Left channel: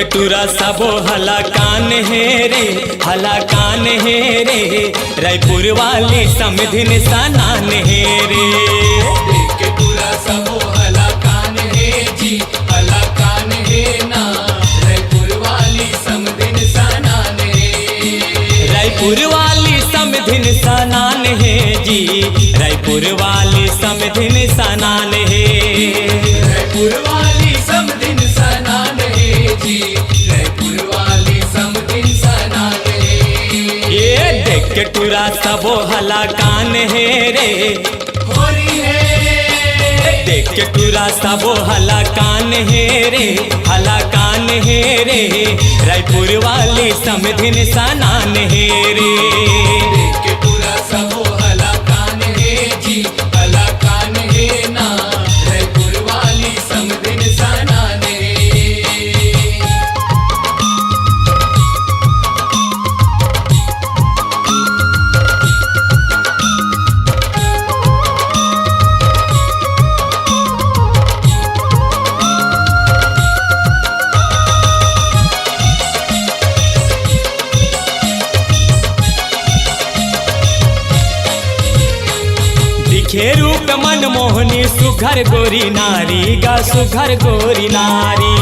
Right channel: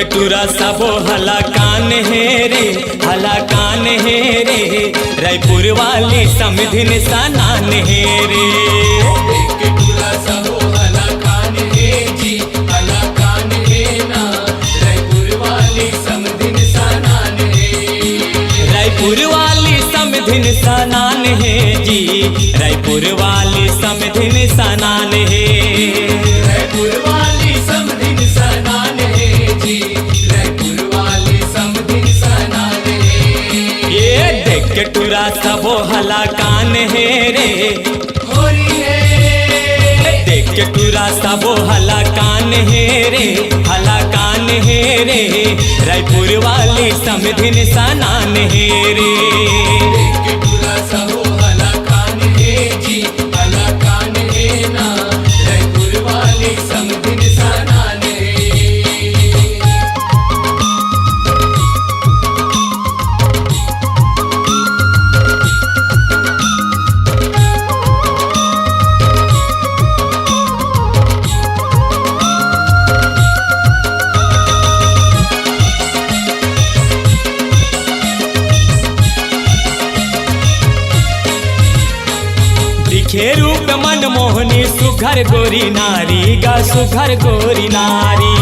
के टूरा सबो हला कान है रे, हला कान है रे, रायपुर वाली समधिन सनान है रे। के टूरा सबो हला कान है जी, हला कान है ना, रायपुर वाली समधिन सनान है। रायपुर वाली समधिन सनान है जी, रायपुर वाली समधिन सनान है। रायपुर वाली समधिन सनान है जी, रायपुर वाली समधिन सनान है। ये देख के टूरा सबो हला कान है रे, होली है। देख के टूरा सबो हला कान है रे, हला कान है रे, रायपुर वाली समधिन सनान है रे। के टूरा सबो हला कान है जी, हला कान है ना, रायपुर वाली समधिन सनान है। दिखे रूप मनमोहनी सुघर गोरी नारी गा, सुघर गोरी नारी।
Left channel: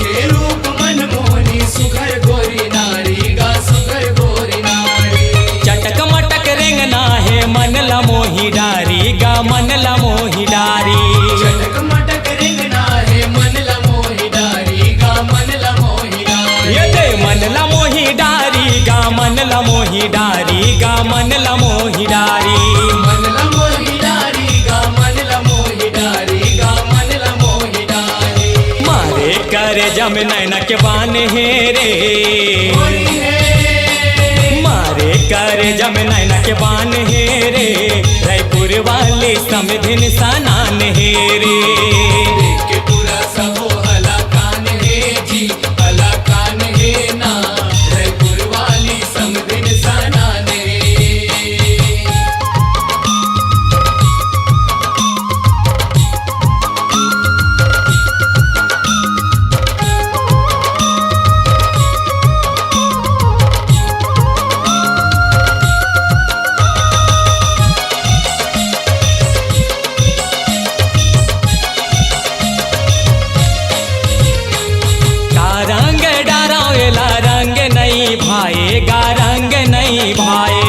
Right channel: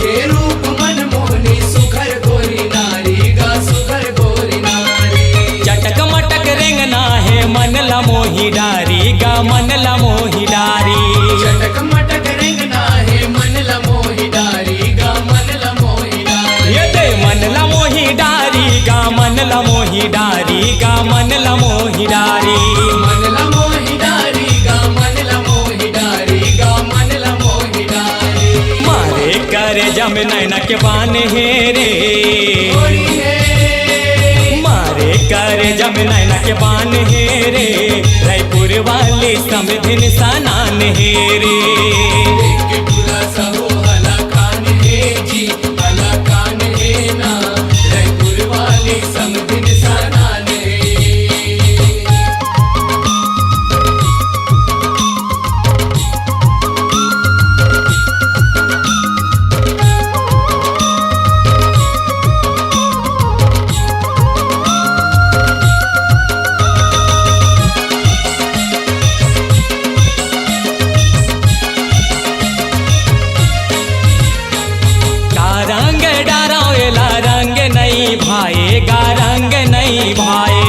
के रूप मनमोहनी सुघर गोरी नारी गा, सुघर गोरी नारी। चटक मटक रेंगना है मन ला मोही डारी गा, मन ला मोही डारी। चटक मटक रेंगना है मन ला मोही डारी गा, मन ला मोही डारी। ये दे मन ला मोही डारी गा, मन ला मोही डारी गा, मन ला मोही डारी। मन ला मोही डारी गा, मन ला मोही डारी गा, मन ला मोही डारी। मारे करे जम नैना के बान है रे, होली है। मारे करे जम नैना के बान है रे, रायपुर वाली समधिन सनान है रे। के टूरा सबो हला कान है जी, हला कान है ना, रायपुर वाली समधिन सनान है। का रंग डरावेला रंग नहीं भाएगा, रंग नहीं भाए।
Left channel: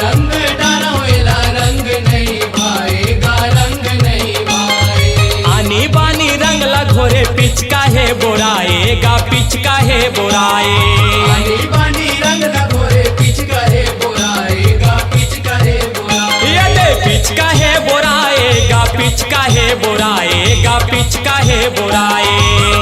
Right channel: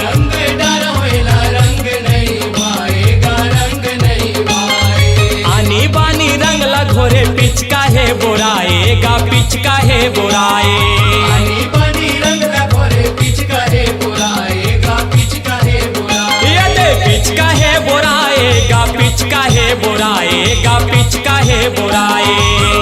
रंग डरावेला रंग नहीं भाएगा, रंग नहीं भाए। आनी बानी रंग लगोरे पिचका है बोराएगा, पिचका है बोराए। आनी बानी रंग लगोरे पिचका है बोराएगा, पिचका है बोराए। ये दे पिचका है बोराएगा, पिचका है बोराएगा, पिचका है बोराए।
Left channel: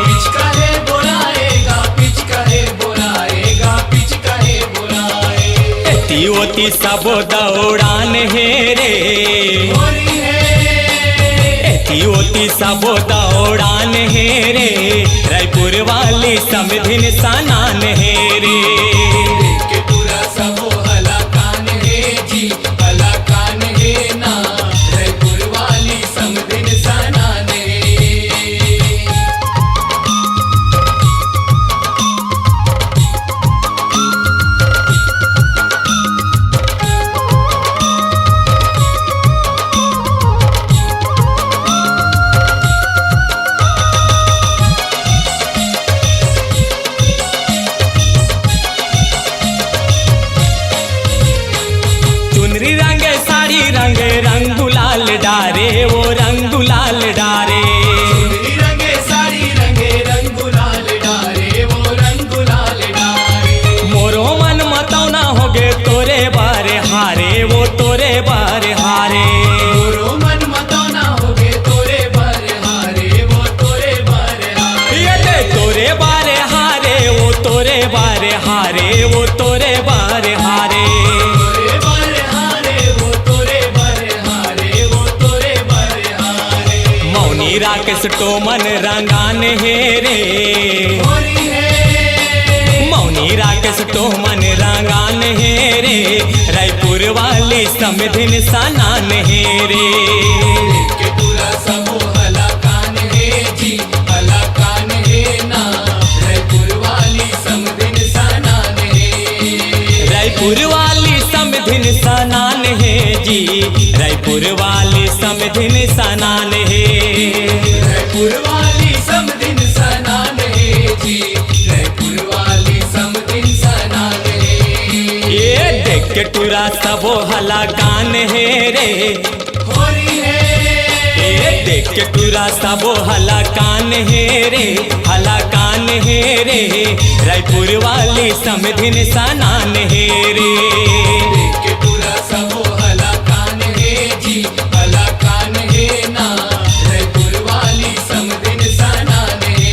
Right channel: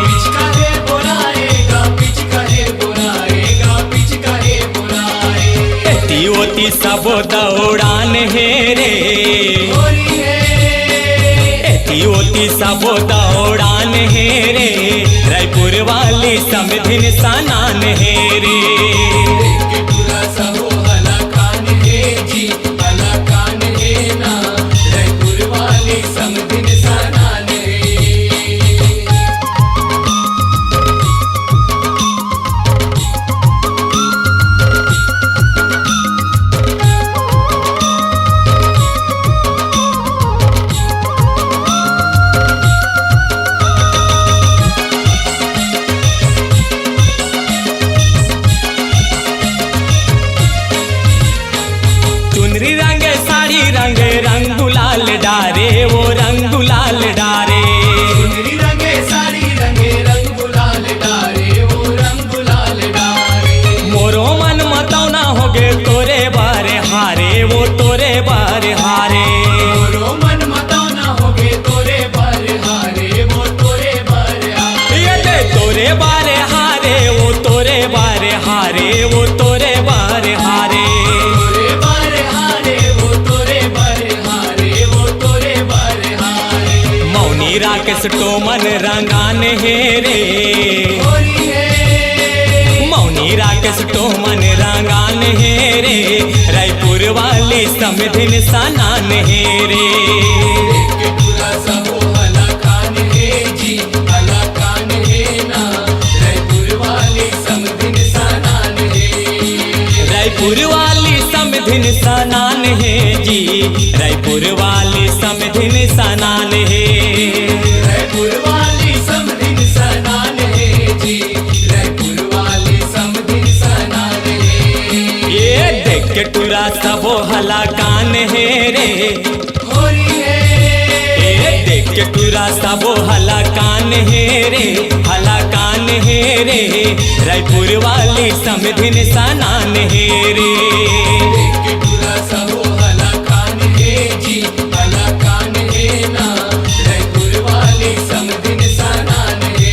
पिचका है बोराएगा, पिचका है बोराएगा, पिचका है बोराए। एती ओती सबो दौड़ान है रे, होली है। एती ओती सबो दौड़ान है रे, रायपुर वाली समधिन सनान है रे। के टूरा सबो हला कान है जी, हला कान है ना, रायपुर वाली समधिन सनान है। चुनरी रंग साड़ी रंग, रंग गुलाल डारे वो रंग गुलाल डारे। चुनरी रंगे साड़ी रंगे, रंग गुलाल डारे वो रंग गुलाल डारे। मोरो मन मतौना होगे तोरे बारे हारे, वो तोरे बारे हारे। मोरो मन मतौना होगे तोरे बारे हारे, वो तोरे बारे हारे। ये दे तोरे बारे हारे, वो तोरे बारे हारे, वो तोरे बारे हारे। तोरे बारे हारे, वो तोरे बारे हारे, वो तोरे बारे हारे। मौनी राकेश टोमन रंगान है रे, होली है। मौनी राकेश टोमन रंगान है रे, रायपुर वाली समधिन सनान है रे। के टूरा सबो हला कान है जी, हला कान है ना, रायपुर रायपुर वाली समधिन सनान है जी, रायपुर वाली समधिन सनान है। रायपुर वाली समधिन सनान है जी, रायपुर वाली समधिन सनान है। ये देख के टूरा सबो हला कान है रे, होली है ये देख के टूरा सबो हला कान है रे, हला कान है रे, रायपुर वाली समधिन सनान है रे। देख के टूरा सबो हला कान है जी, हला कान है ना, रायपुर वाली समधिन सनान है।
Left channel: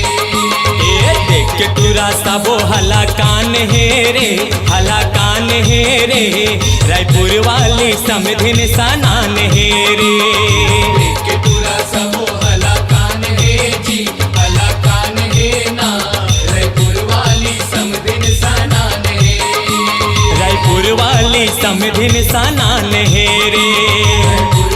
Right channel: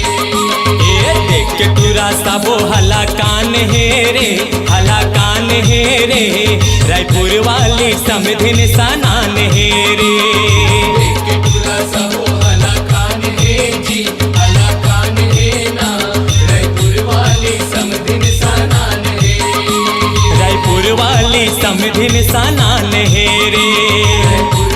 ये देख के टूरा सबो हला कान है रे, हला कान है रे, रायपुर वाली समधिन सनान है रे। देख के टूरा सबो हला कान है जी, हला कान है ना, रायपुर वाली समधिन सनान है। रायपुर वाली समधिन सनान है रे। रायपुर